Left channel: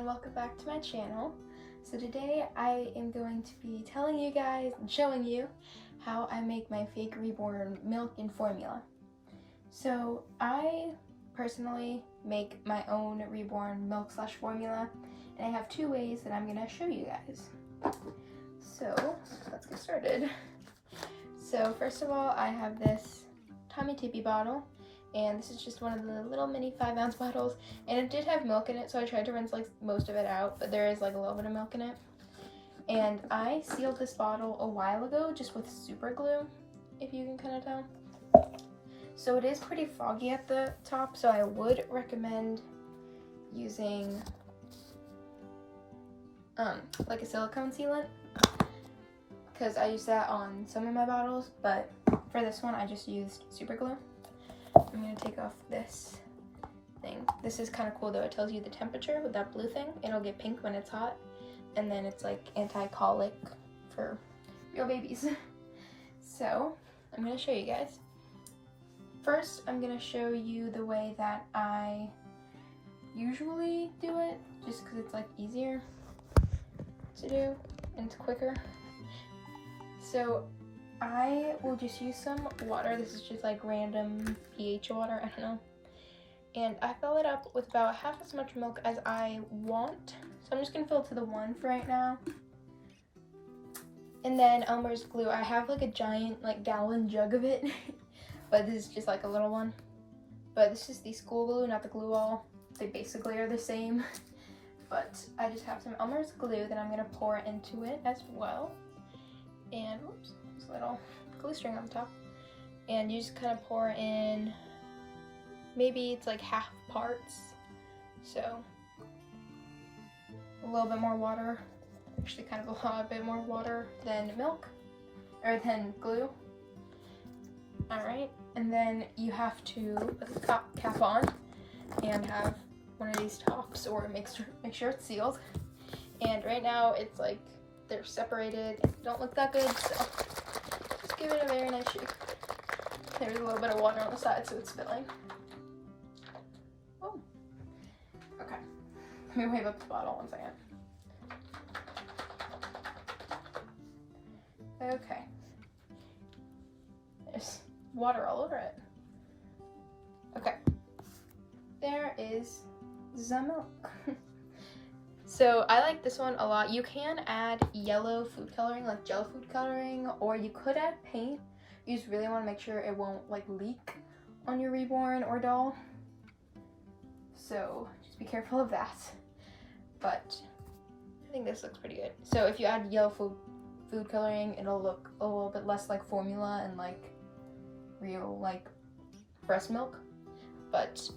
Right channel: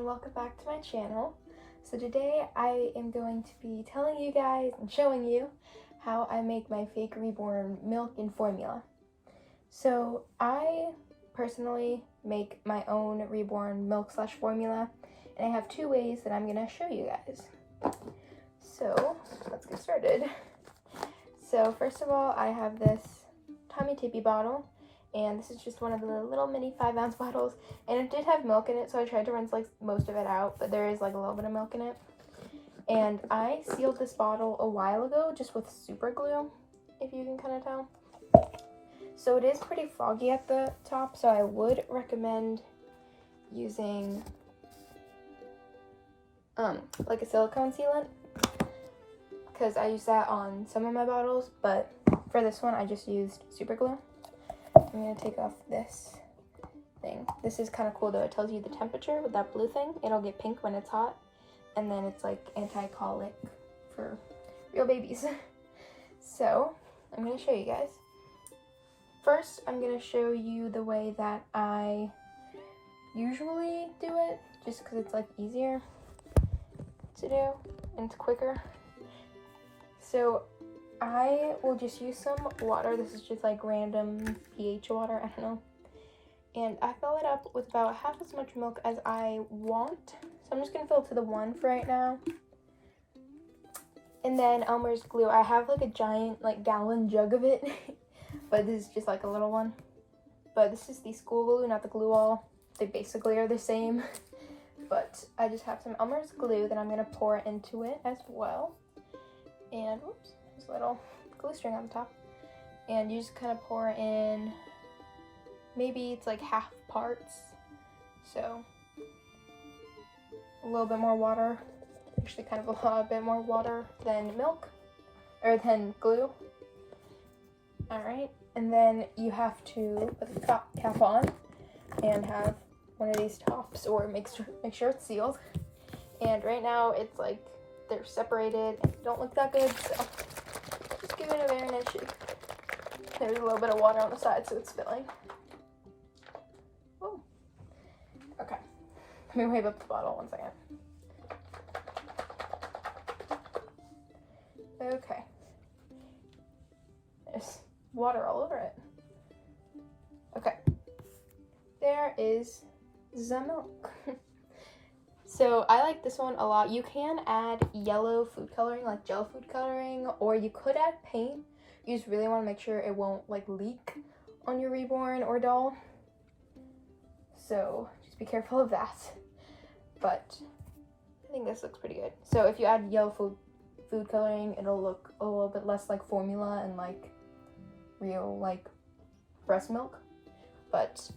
everyone, welcome back to my channel. So today I am going to be telling you guys and showing you how I make my fake Reborn milk and formula. So I personally make my own Reborn milk / formula, and I have two ways that I'm going to show you guys. So let's get started. So first of all, I have this Tommy Tippy bottle, and this is just one of the little mini 5-ounce bottles, and it did have milk in it, so I tried to rinse like most of it out, but there is like a little bit of milk in it. And I sealed this bottle a while ago just with super glue, if you can kind of tell. So it is pretty foggy at the top, so I would recommend using like a silicone sealant, because I use that on some of my bottles, but for this one I just used super glue. I'm going to take off this thing. This is kind of cool though. It tells you the temperature with that blue thing. It'll get pink when it's hot, and then it's like anti-colic for real babies. So I'm going to show you guys. First, I'm going to show you the way that I usually do it, just because it's like easier to do and it's quicker. So I will just use some water. This is just like random pH water, I don't know. And I fill it up with about half as much milk as I want. So I'm just gonna fill it to the 1 for right now. And then Elmer's glue. I have like a giant like gallon jug of it, but this is just like a little one. But this is the school glue, not the glue all. They basically are the same. But I just have some Elmer's glue that I'm gonna pour into it as well. And whoops. Little glue string on the top, and you just kind of pour in, maybe it's like half parts, so a little bit more water, actually kind of a lot bit more water than milk or than glue. All right, and then you have to put the cap on and have one of these tops, or make sure it's sealed. And right now it's like they're separated, don't look that good, so give it a very nice shake. There's a little bit of water on the side, so it's spilling. Oh, okay. Let me wave up the bottle 1 second. Okay. There's water all over it. Okay. There is the milk. So I like this one a lot. You can add yellow food coloring, like gel food coloring, or you could add paint. You just really want to make sure it won't like leak on your Reborn or doll. So just be careful of that. But I think this looks pretty good. So if you add yellow food coloring, it'll look a little bit less like formula and like real like breast milk. But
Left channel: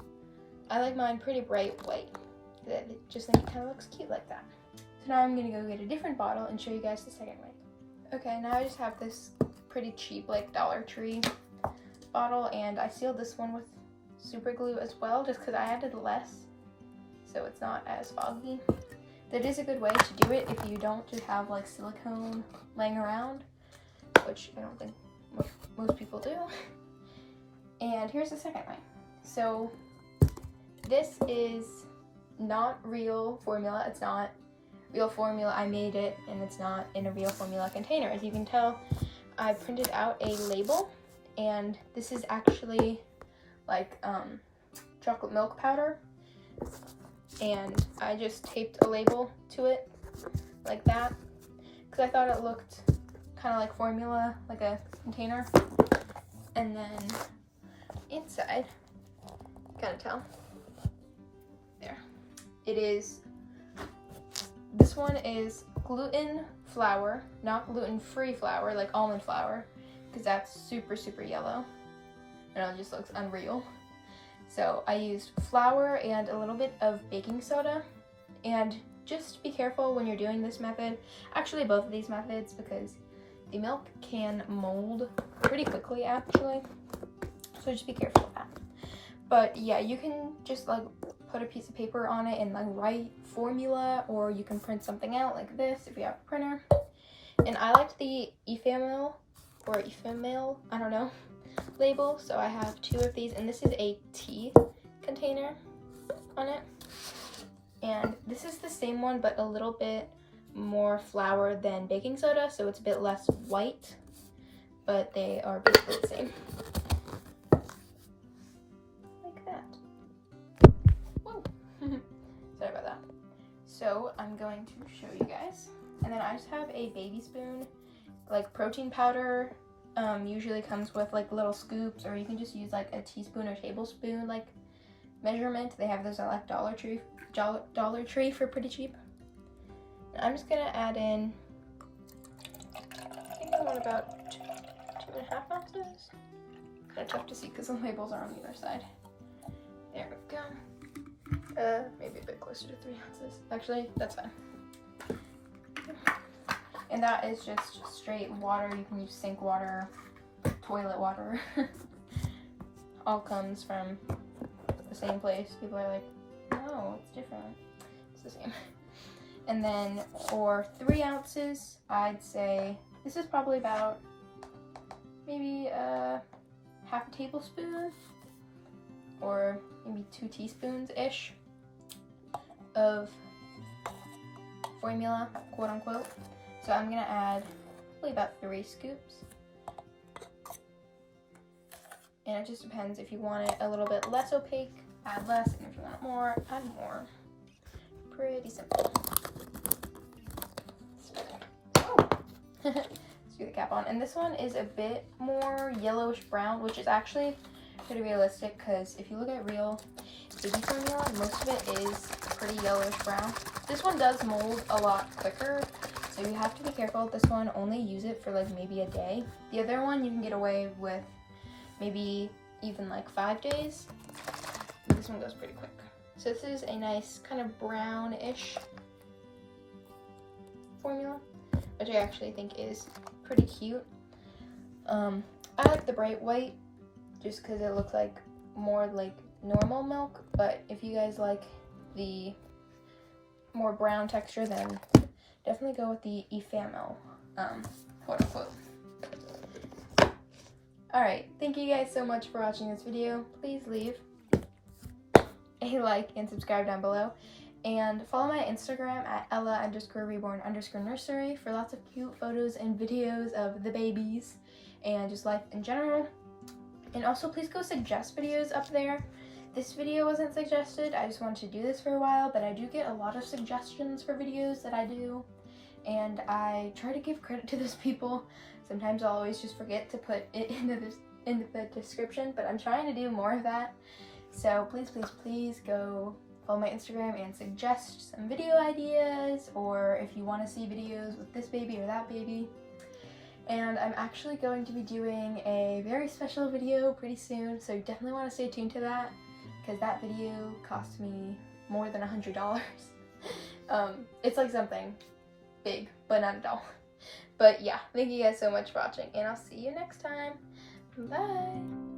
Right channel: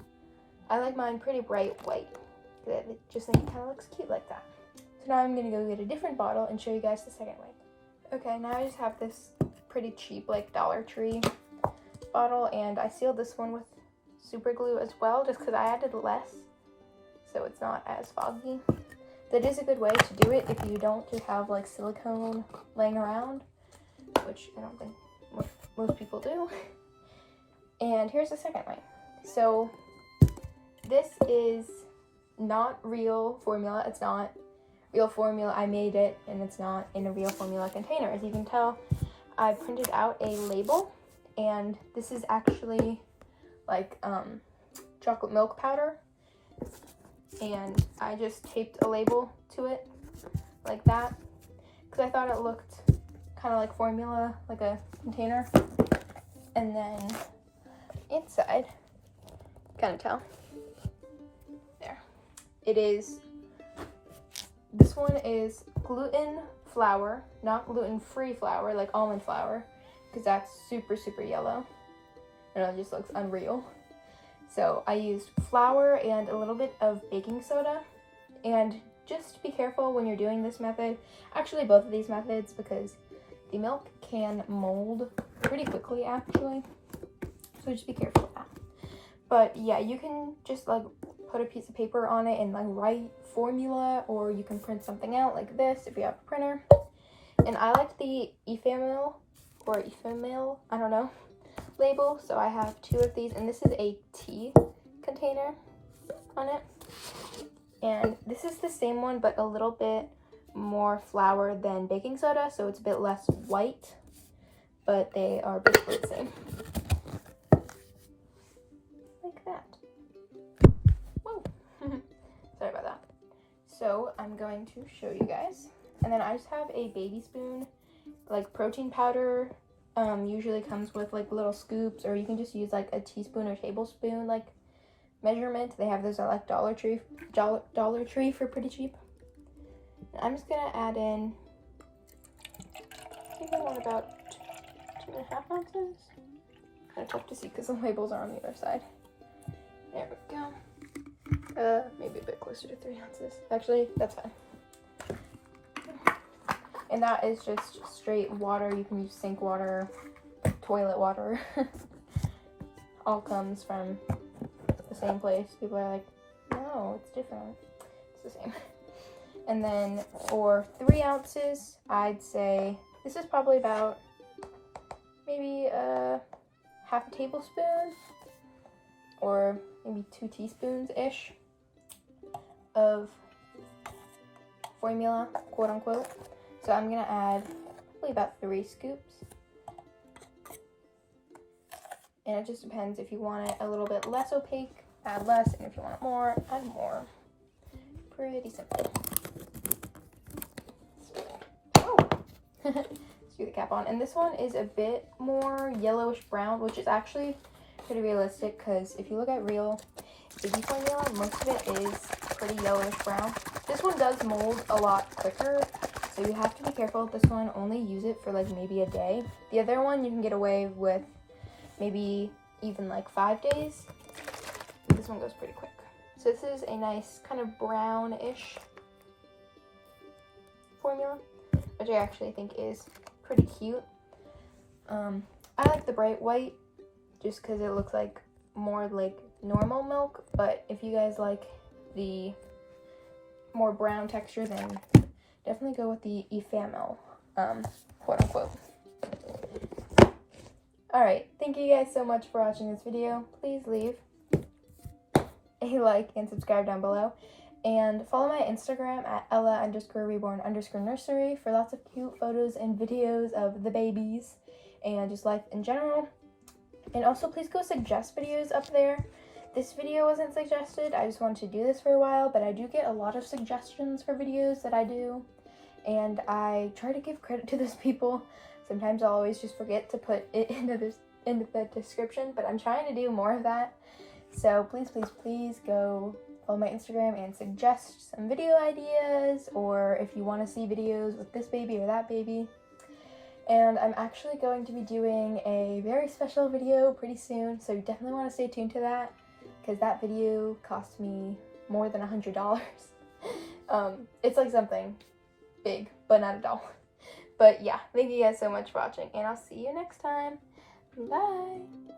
I like mine pretty bright white. It just think it kind of looks cute like that. So now I'm gonna go get a different bottle and show you guys the second way. Okay, now I just have this pretty cheap like Dollar Tree bottle, and I sealed this one with super glue as well, just because I added less so it's not as foggy. That is a good way to do it if you don't just have like silicone laying around, which I don't think most people do. And here's the second way. So this is not real formula. It's not real formula. I made it, and it's not in a real formula container. As you can tell, I printed out a label, and this is actually like chocolate milk powder, and I just taped a label to it like that because I thought it looked kind of like formula, like a container. And then inside, kind of tell, it is, this one is gluten flour, not gluten-free flour like almond flour, because that's super yellow and it just looks unreal. So I used flour and a little bit of baking soda, and just be careful when you're doing this method, actually both of these methods, because the milk can mold pretty quickly actually, so just be careful of that. But yeah, you can just like put a piece of paper on it and like write formula, or you can print something out like this if you have a printer. And I liked the ephemeral I don't know, label, so I have 2 of these, and this is a tea container on it. And this is the same one, but a little bit more flour than baking soda, so it's a bit less white, but they are basically the same. Like that. Whoa. Sorry about that. So I'm going to show you guys. And then I just have a baby spoon. Like protein powder usually comes with like little scoops, or you can just use like a teaspoon or tablespoon like measurement. They have those at like Dollar Tree for pretty cheap. And I'm just gonna add in, I think I want about 2.5 ounces. Kind of tough to see because the labels are on the other side. There we go. Maybe a bit closer to 3 ounces. Actually, that's fine. And that is just straight water. You can use sink water, toilet water. All comes from the same place. People are like, no, it's different. It's the same. And then for 3 ounces, I'd say this is probably about maybe half a tablespoon or maybe 2 teaspoons-ish of formula, quote unquote. So I'm gonna add probably about 3 scoops. And it just depends if you want it a little bit less opaque, add less, and if you want it more, add more. Pretty simple. Oh. Let's do the cap on. And this one is a bit more yellowish brown, which is actually pretty realistic because if you look at real baby formula, most of it is pretty yellowish brown. This one does mold a lot quicker, so you have to be careful with this one. Only use it for like maybe a day. The other one you can get away with maybe even like 5 days. This one goes pretty quick. So this is a nice kind of brownish formula, which I actually think is pretty cute. I like the bright white just because it looks like more like normal milk, but if you guys like the more brown texture, then definitely go with the eFamil, quote unquote. Alright, thank you guys so much for watching this video. Please leave a like and subscribe down below. And follow my Instagram at Ella_Reborn_Nursery for lots of cute photos and videos of the babies and just life in general. And also please go suggest videos up there. This video wasn't suggested, I just wanted to do this for a while, but I do get a lot of suggestions for videos that I do. And I try to give credit to those people. Sometimes I'll always just forget to put it into the description, but I'm trying to do more of that. So please, please, please go follow my Instagram and suggest some video ideas, or if you want to see videos with this baby or that baby. And I'm actually going to be doing a very special video pretty soon, so you definitely want to stay tuned to that, because that video cost me more than $100. It's like something big, but not at all. But yeah, thank you guys so much for watching, and I'll see you next time. Bye!